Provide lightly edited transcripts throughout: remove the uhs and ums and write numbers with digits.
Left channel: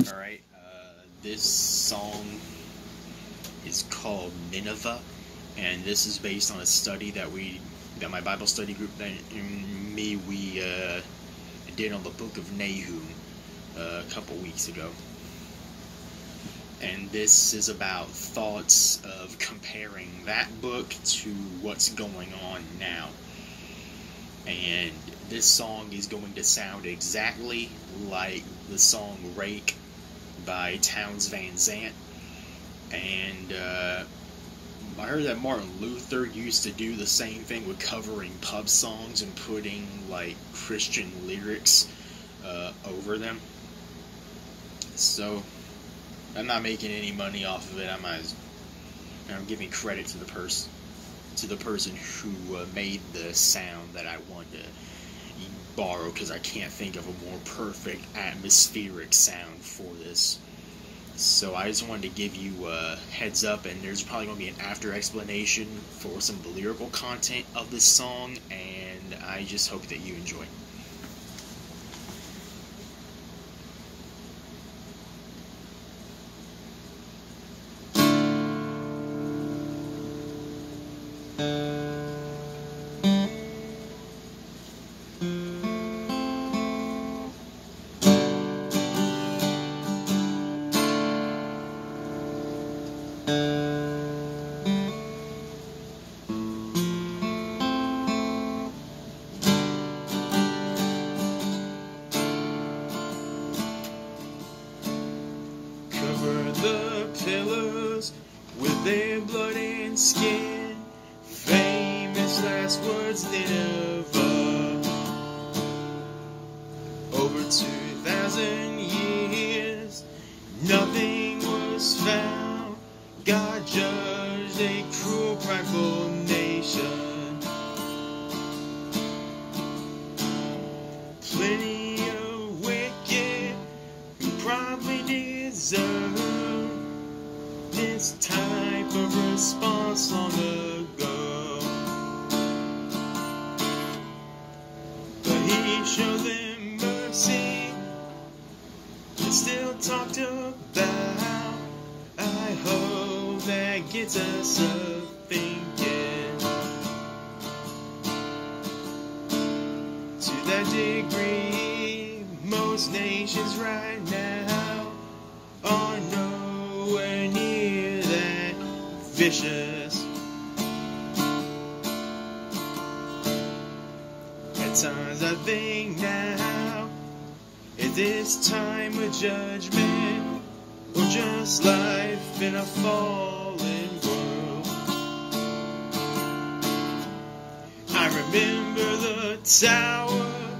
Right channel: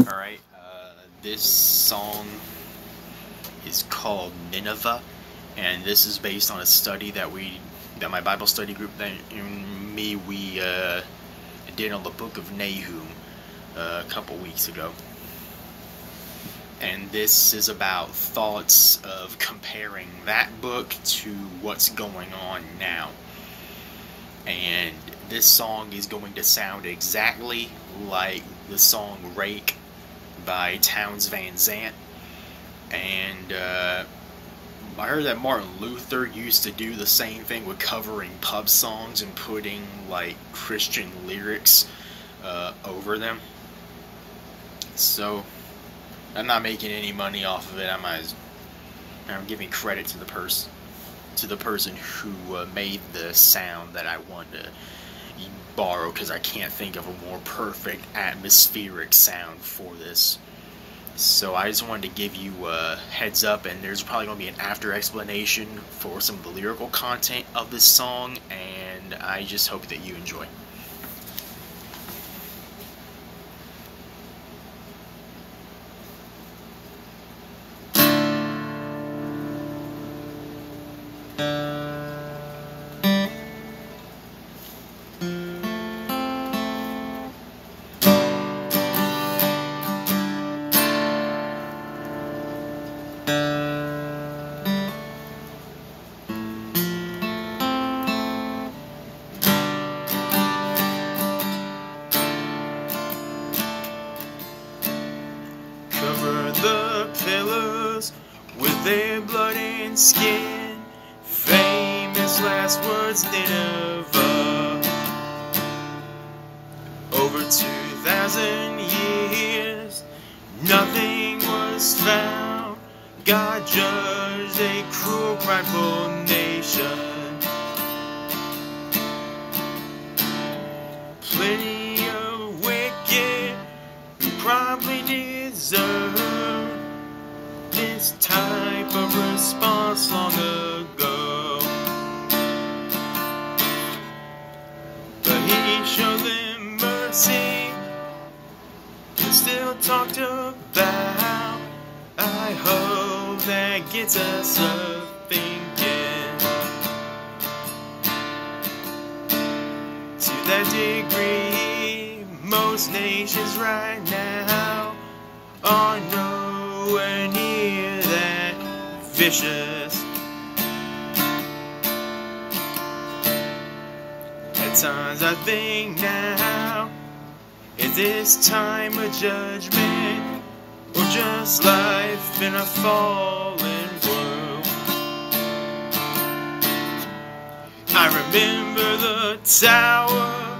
Alright, this song is called Nineveh, and this is based on a study that my Bible study group we did on the book of Nahum a couple weeks ago. And this is about thoughts of comparing that book to what's going on now. And this song is going to sound exactly like the song Rake by Townes Van Zandt. And I heard that Martin Luther used to do the same thing with covering pub songs and putting like Christian lyrics over them. So I'm not making any money off of it. I'm giving credit to the person who made the sound that I wanted to borrow, because I can't think of a more perfect atmospheric sound for this. So I just wanted to give you a heads up, and there's probably going to be an after explanation for some of the lyrical content of this song, and I just hope that you enjoy. Cover the pillars with their blood and skin. Famous last words, Nineveh. Over 2,000 years, nothing was found. God judged a cruel, prideful nation. Plenty of wicked who probably deserve this type of response long ago. But he showed them mercy and still talked about. I hope that gets us thinking. To that degree, most nations right now are nowhere near that vicious. At times I think now, is this time of judgment, or just life in a fallen world? I remember the tower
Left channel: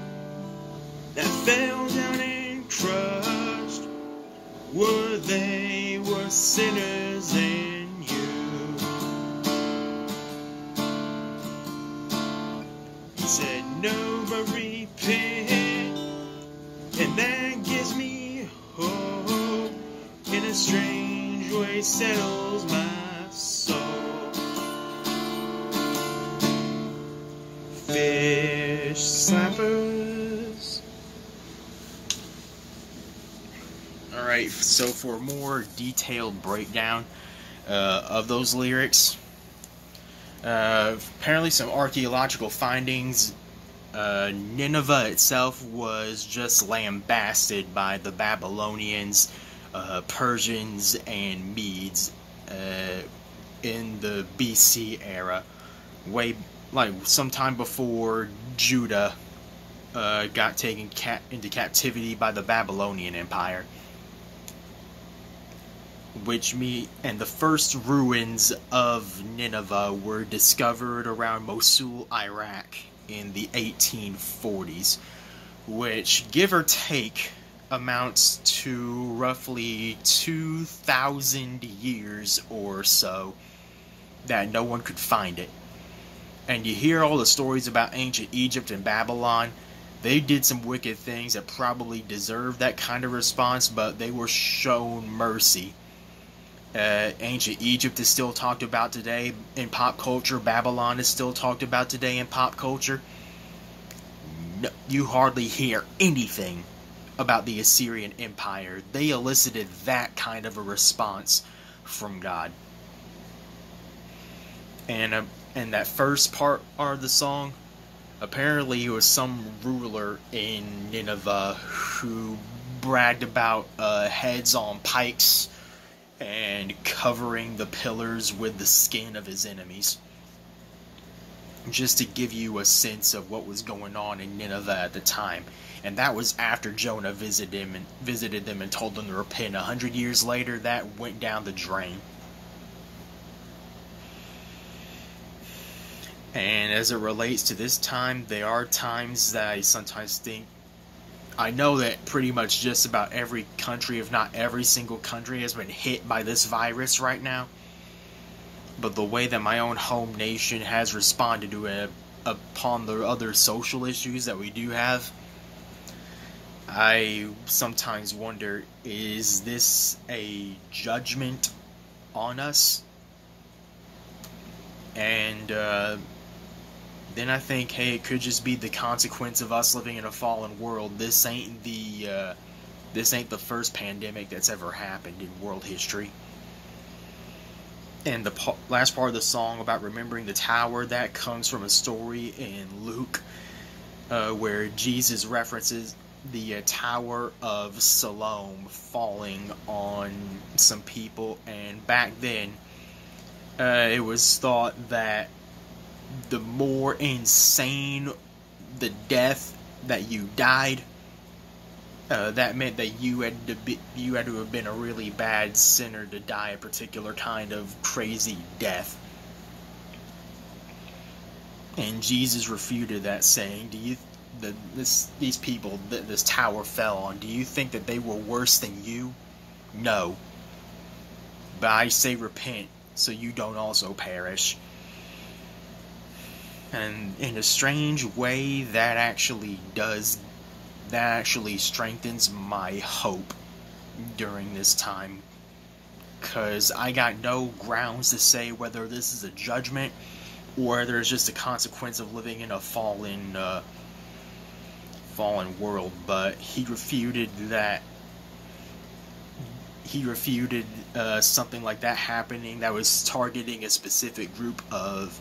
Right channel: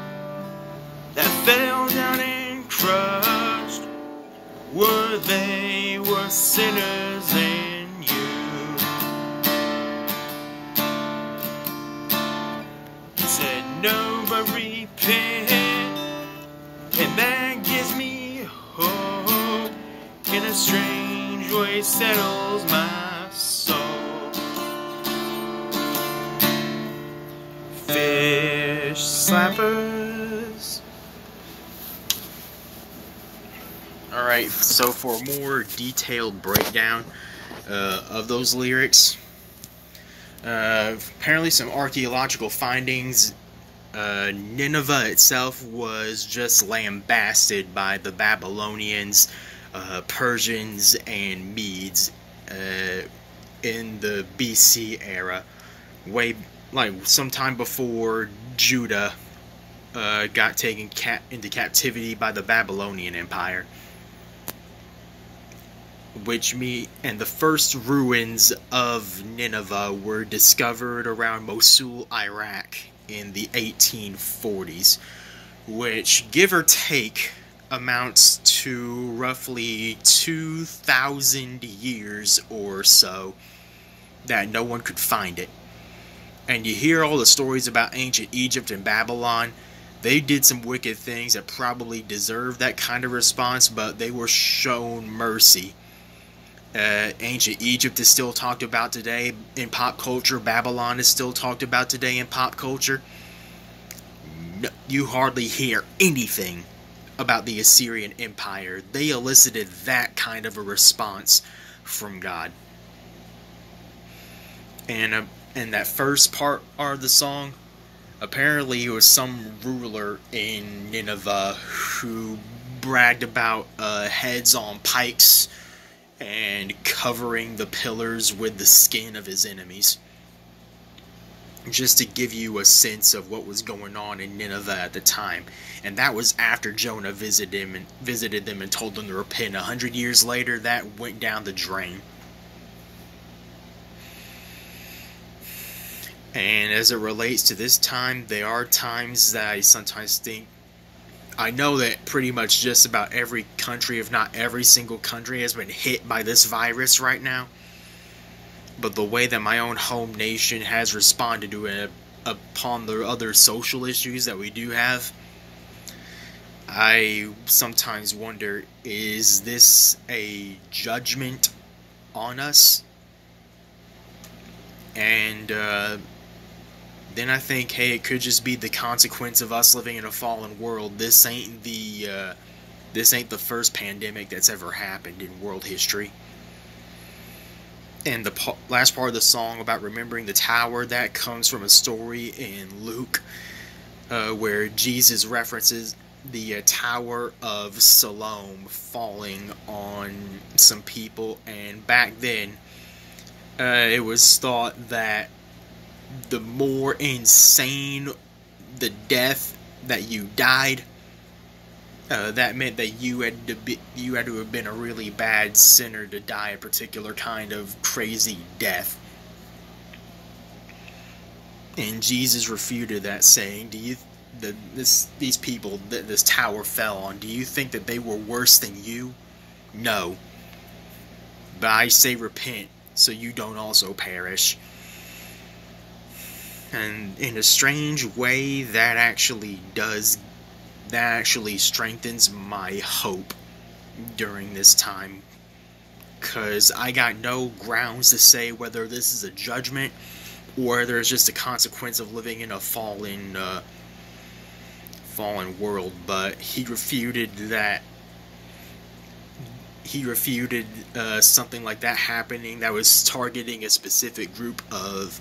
that fell down and crushed, were they were sinners and you. He said no, but repent, and that gives me hope. In a strange way settles my soul. Fish slappers. Alright, so for a more detailed breakdown of those lyrics, apparently some archaeological findings. Nineveh itself was just lambasted by the Babylonians, Persians, and Medes in the BC era, way like sometime before Judah got taken into captivity by the Babylonian Empire. And the first ruins of Nineveh were discovered around Mosul, Iraq in the 1840s, which, give or take, amounts to roughly 2,000 years or so that no one could find it. And you hear all the stories about ancient Egypt and Babylon. They did some wicked things that probably deserved that kind of response, but they were shown mercy. Ancient Egypt is still talked about today in pop culture. Babylon is still talked about today in pop culture. No, you hardly hear anything about the Assyrian Empire, they elicited that kind of a response from God. And that first part of the song, apparently it was some ruler in Nineveh who bragged about heads on pikes and covering the pillars with the skin of his enemies. Just to give you a sense of what was going on in Nineveh at the time. And that was after Jonah visited them and told them to repent. 100 years later, that went down the drain. And as it relates to this time, there are times that I sometimes think, I know that pretty much just about every country, if not every single country, has been hit by this virus right now. But the way that my own home nation has responded to it upon the other social issues that we do have, I sometimes wonder, is this a judgment on us? And then I think, hey, it could just be the consequence of us living in a fallen world. This ain't the first pandemic that's ever happened in world history. And the last part of the song about remembering the tower, that comes from a story in Luke where Jesus references the Tower of Siloam falling on some people. And back then, it was thought that the more insane the death that you died, that meant that you had to have been a really bad sinner to die a particular kind of crazy death. And Jesus refuted that, saying, these people that this tower fell on, do you think that they were worse than you? No. But I say repent, so you don't also perish. And in a strange way, that actually strengthens my hope during this time, because I got no grounds to say whether this is a judgment or whether it's just a consequence of living in a fallen world. But he refuted that. He refuted something like that happening that was targeting a specific group of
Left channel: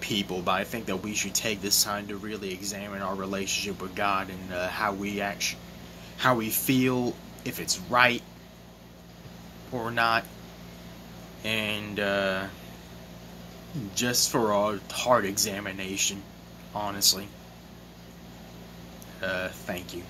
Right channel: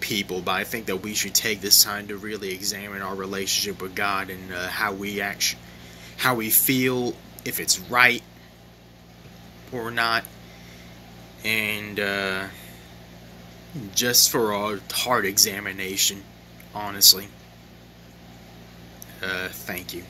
people. But I think that we should take this time to really examine our relationship with God and how we feel, if it's right or not, and just for a heart examination, honestly. Thank you.